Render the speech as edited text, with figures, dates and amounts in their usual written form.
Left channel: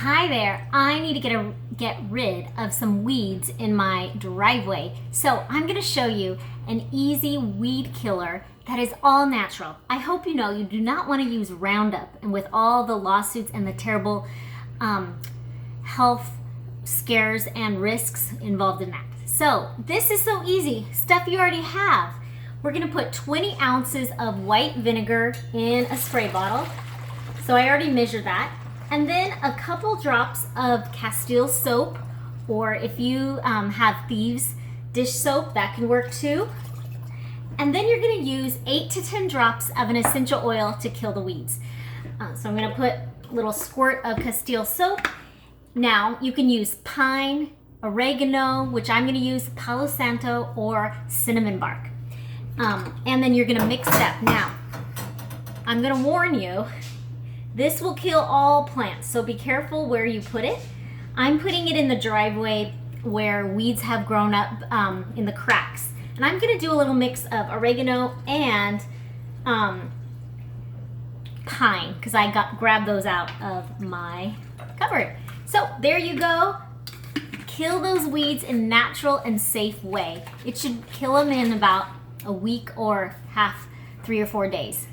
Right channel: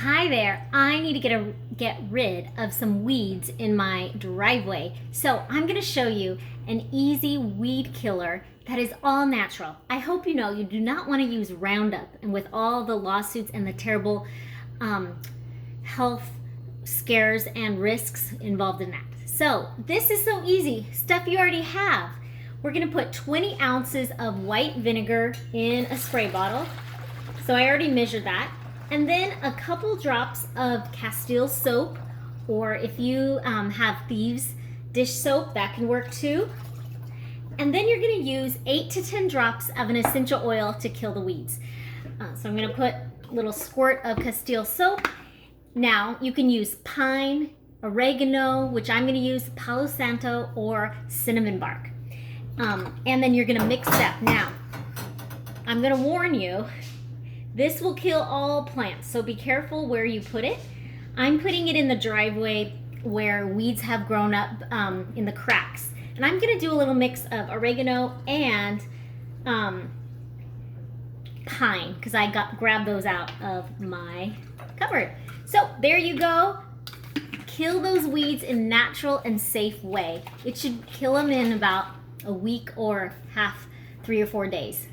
Hi there, I need to get rid of some weeds in my driveway. So I'm gonna show you an easy weed killer that is all natural. I hope you know you do not wanna use Roundup, and with all the lawsuits and the terrible health scares and risks involved in that. So this is so easy, stuff you already have. We're gonna put 20 ounces of white vinegar in a spray bottle. So I already measured that. And then a couple drops of Castile soap, or if you have Thieves dish soap, that can work too. And then you're gonna use 8 to 10 drops of an essential oil to kill the weeds. So I'm gonna put a little squirt of Castile soap. Now you can use pine, oregano, which I'm gonna use Palo Santo, or cinnamon bark. And then you're gonna mix it up. Now, I'm gonna warn you, this will kill all plants, so be careful where you put it. I'm putting it in the driveway where weeds have grown up in the cracks. And I'm gonna do a little mix of oregano and pine, because I grabbed those out of my cupboard. So there you go. Kill those weeds in a natural and safe way. It should kill them in about a week or 3 or 4 days.